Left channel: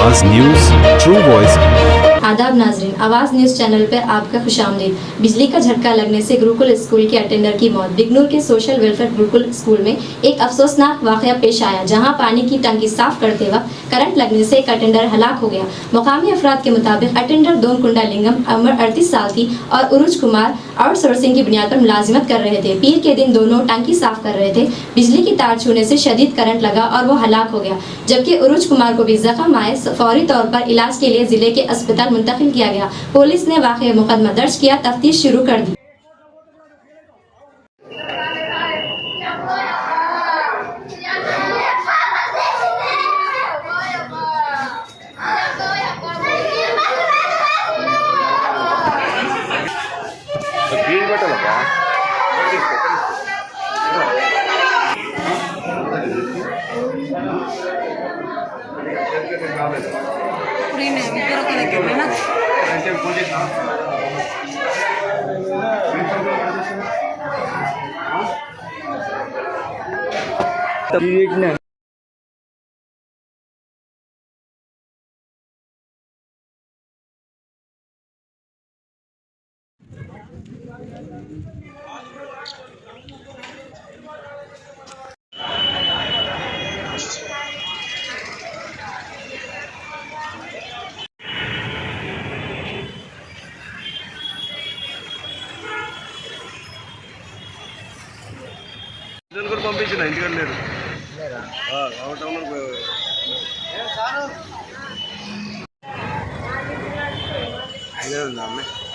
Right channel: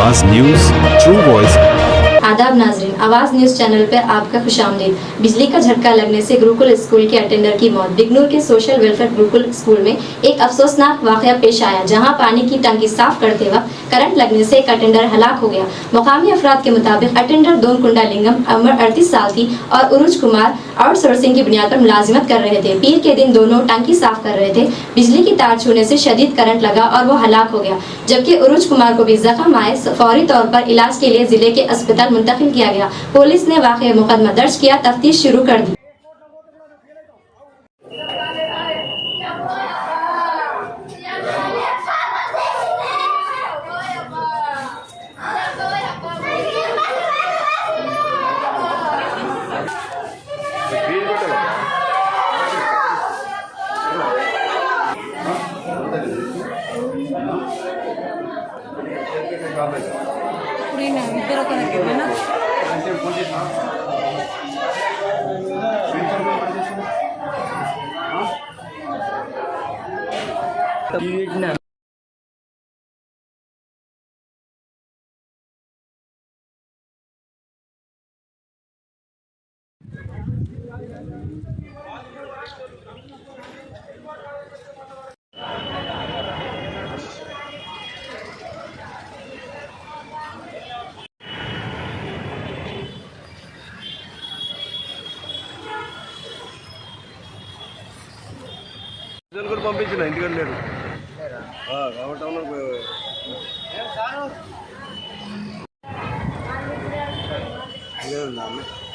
आवाज news, true voice. आदाब नाजरीन, आवाज़ न्यूज़ चैनल पर आपका खुशामदीद। बिजली का झटका लगने से गुरुकुल स्कूल के अटेंडर की मौत। बिगनूर के सोशल वेलफेयर गुरुकुल स्कूल में एक अफसोसनाक वाकया पेश आया, जहां पानी की टंकी साफ करते वक्त करंट लगने से एक अटेंडर हलाक हो गया। मुकामी अफराद के मुताबिक अटेंडर दोनकुंडा लिंगम उम्र 38 साल थी और उरुज कुमार आउटसोर्सिंग की बुनियाद पर मुलाजिमत कर रहे थे। पीर के दिन दोनों टंकी साफ कर रहे थे। बिजली की तार छूने से शदीद करंट लगा और वो हलाक हो गया, जबकि उरुज कुमार को भी जख्म आए। फौरी तौर पर इलाज के लिए जिले के अस्पताल मुंतकिल किया गया। पुलिस ने वाक़या मुकदमा दर्ज किया, तफ्तीश शुरू कर दी। పంపించిన ఇంటికంటే లేరు ఉందా అమ్మాయి